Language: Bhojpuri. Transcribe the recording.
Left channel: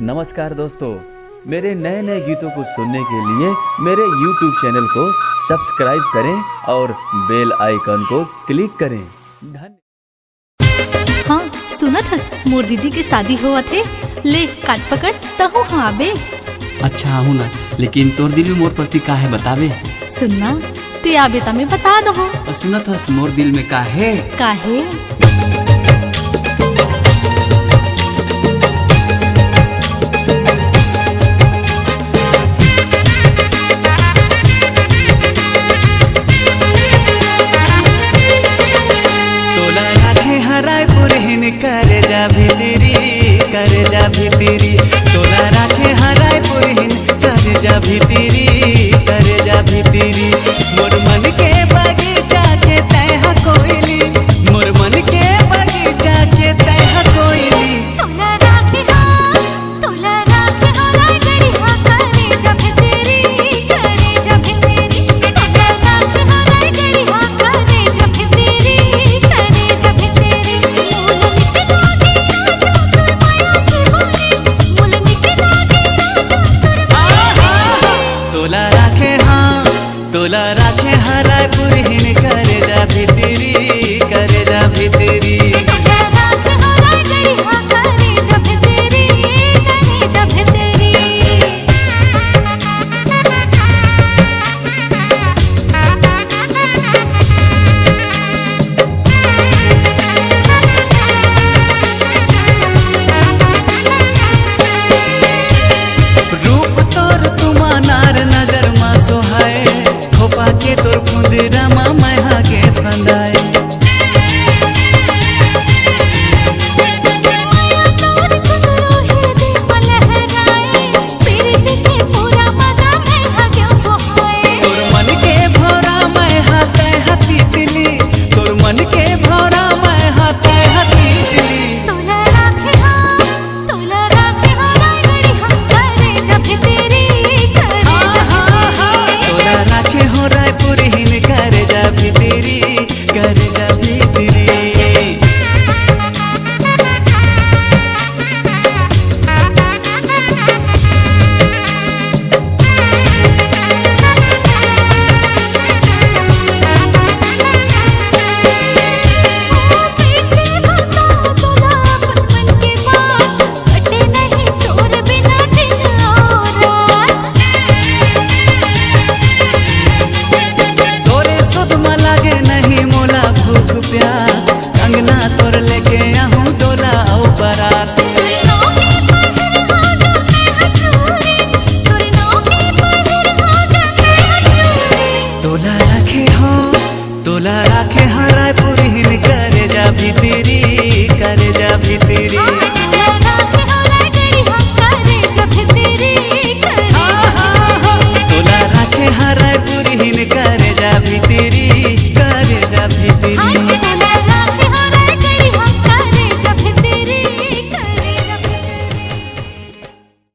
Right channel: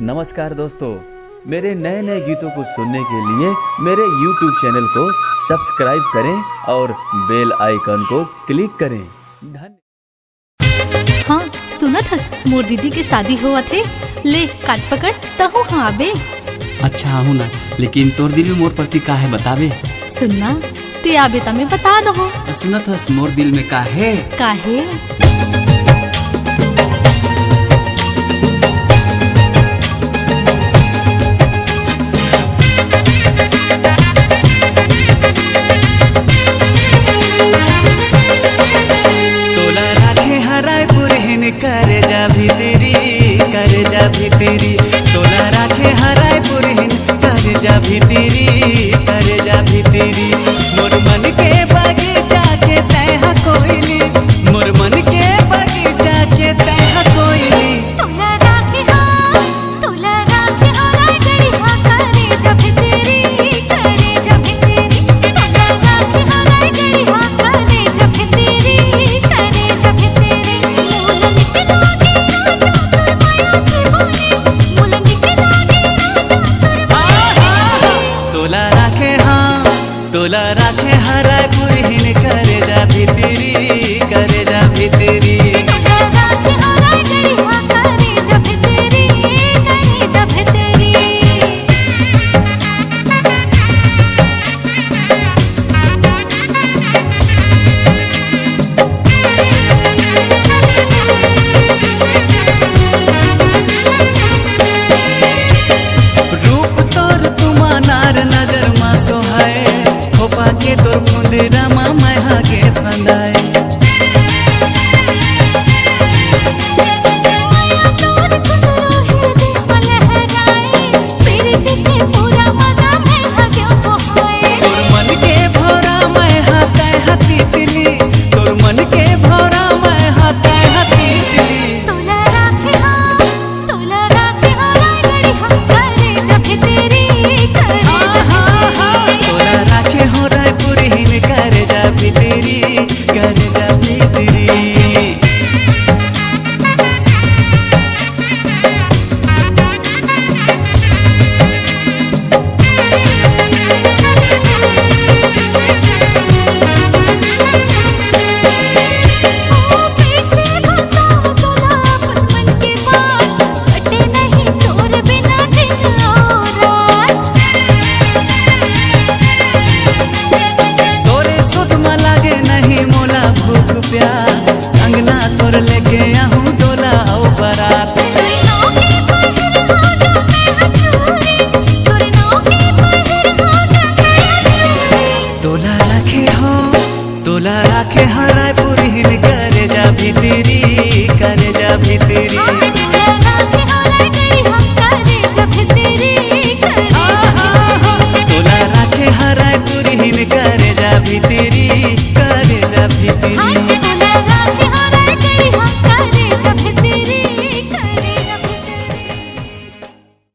नमस्कार दोस्तों, मेरे नए नए गीतों को सुनने के लिए मेरे YouTube चैनल को सब्सक्राइब करें और बेल आइकन को क्लिक करें। धन्यवाद। हाँ सुनत हस, मोर दीदी के शादी हुआ थे, ले काट पकड़ तहु हाँ आबे। अच्छा हूँ ना, लेकिन तोर दिल में मोर प्रति का है बतावे। सुनना ते आबे ता मैं बता दहो। सुनत हस मोर दिल में का है। काहे? करे जा भीतरी तोला राखे हराय पुरहिन करे जा भीतरी मोर मन के बगीचा के तैहा कोइली, मोर मन के बगीचा के तैहा कोइली। तोला राखे हराय गड़ी हाँ करे जा भीतरी तोला राखे हराय गड़ी हाँ करे जा भीतरी तोला राखे हराय पुरहिन करे जा भीतरी रूप तोर तुमा नार नजर मा सोहाए, खोपा के तोर फुंदरा मा मैं हागे फंदाए। तोर मन के भौरा मैं हाथे हाथी तिली, तोर मन के भौरा मैं हाथे हाथी तिली। तोला राखे हराय गड़ी हाँ करे जा भीतरी तोला राखे हो राय पुरहिन करे जा भीतरी। लागे नहीं मोला भूख प्यास, अंगना तोर लेके आहूँ डोला औ बारात। तोला राखे हराय पुरहिन करे जा भीतरी तोला राखे हराय पुरहिन करे जा भीतरी।